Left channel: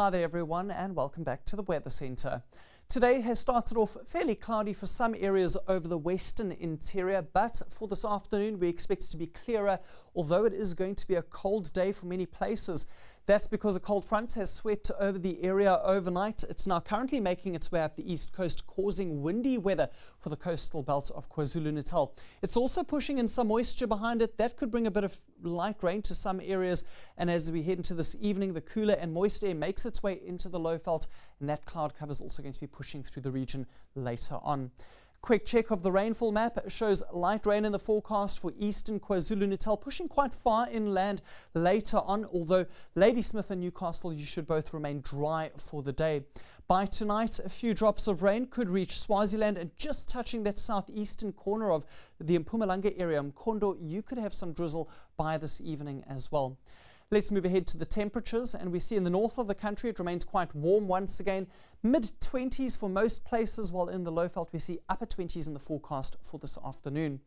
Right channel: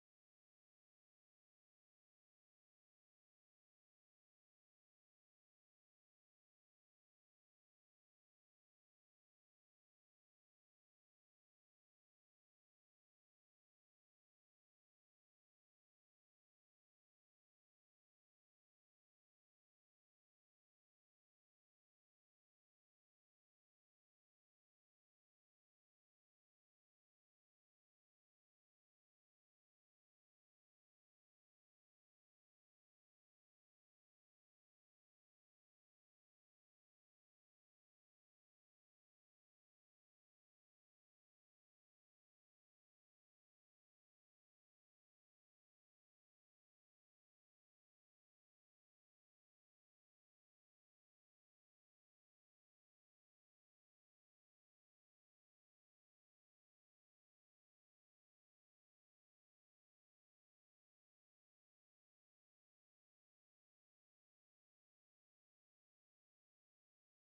Hi there everyone and welcome back to the Weather Centre. Today has started off fairly cloudy for some areas over the western interior, but for this afternoon we expect it to be clearer, although it is going to be a cold day for many places. That's because a cold front has swept over the area overnight. It's now currently making its way up the east coast, causing windy weather for the coastal belt of KwaZulu-Natal. It's also pushing in some moisture behind it. That could bring a bit of light rain to some areas. And as we head into this evening, the cooler and moist air makes its way into the low veld, and that cloud cover is also going to be pushing through the region later on. Quick check of the rainfall map shows light rain in the forecast for eastern KwaZulu-Natal, pushing quite far inland later on, although Ladysmith and Newcastle, you should both remain dry for the day. By tonight, a few drops of rain could reach Swaziland, and just touching that southeastern corner of the Mpumalanga area, Mkhondo, you could have some drizzle by this evening as well. Let's move ahead to the temperatures, and we see in the north of the country it remains quite warm once again. Mid-20s for most places, while in the low veld we see upper 20s in the forecast for this afternoon.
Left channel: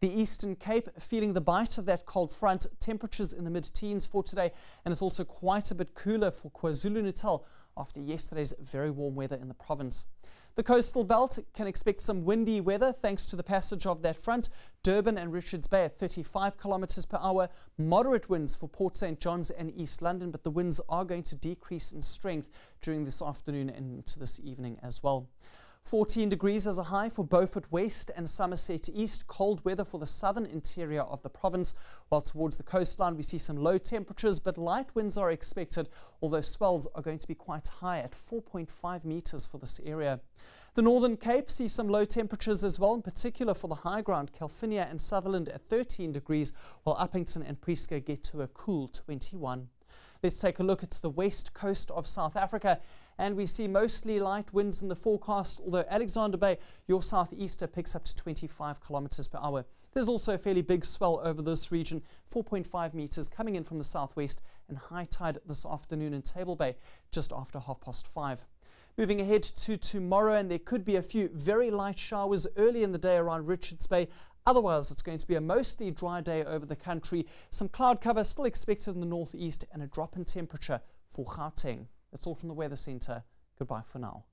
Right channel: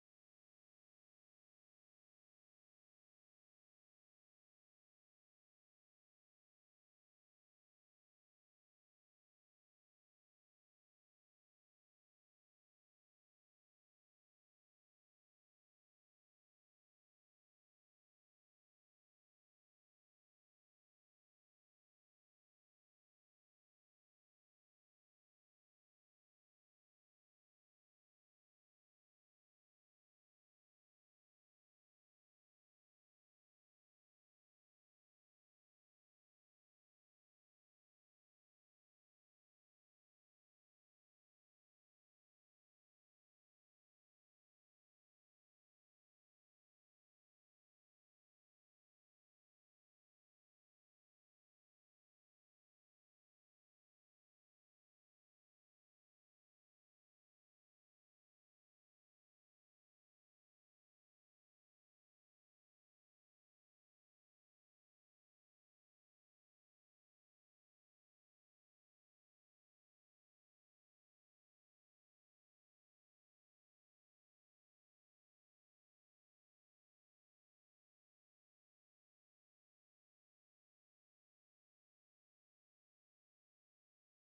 The Eastern Cape feeling the bite of that cold front, temperatures in the mid-teens for today, and it's also quite a bit cooler for KwaZulu-Natal after yesterday's very warm weather in the province. The coastal belt can expect some windy weather thanks to the passage of that front. Durban and Richards Bay at 35 kilometers per hour. Moderate winds for Port St. John's and East London, but the winds are going to decrease in strength during this afternoon and into this evening as well. 14 degrees as a high for Beaufort West and Somerset East. Cold weather for the southern interior of the province, while towards the coastline we see some low temperatures, but light winds are expected, although swells are going to be quite high at 4.5 meters for this area. The Northern Cape sees some low temperatures as well, in particular for the high ground, Calvinia and Sutherland at 13 degrees, while Uppington and Prieska get to a cool 21. Let's take a look at the west coast of South Africa, and we see mostly light winds in the forecast, although Alexander Bay, your southeaster, picks up to 25 kilometers per hour. There's also a fairly big swell over this region, 4.5 meters coming in from the southwest, and high tide this afternoon in Table Bay just after 5:30. Moving ahead to tomorrow, and there could be a few very light showers early in the day around Richards Bay. Otherwise, it's going to be a mostly dry day over the country. Some cloud cover still expected in the northeast and a drop in temperature for Gauteng. That's all from the Weather Centre. Goodbye for now.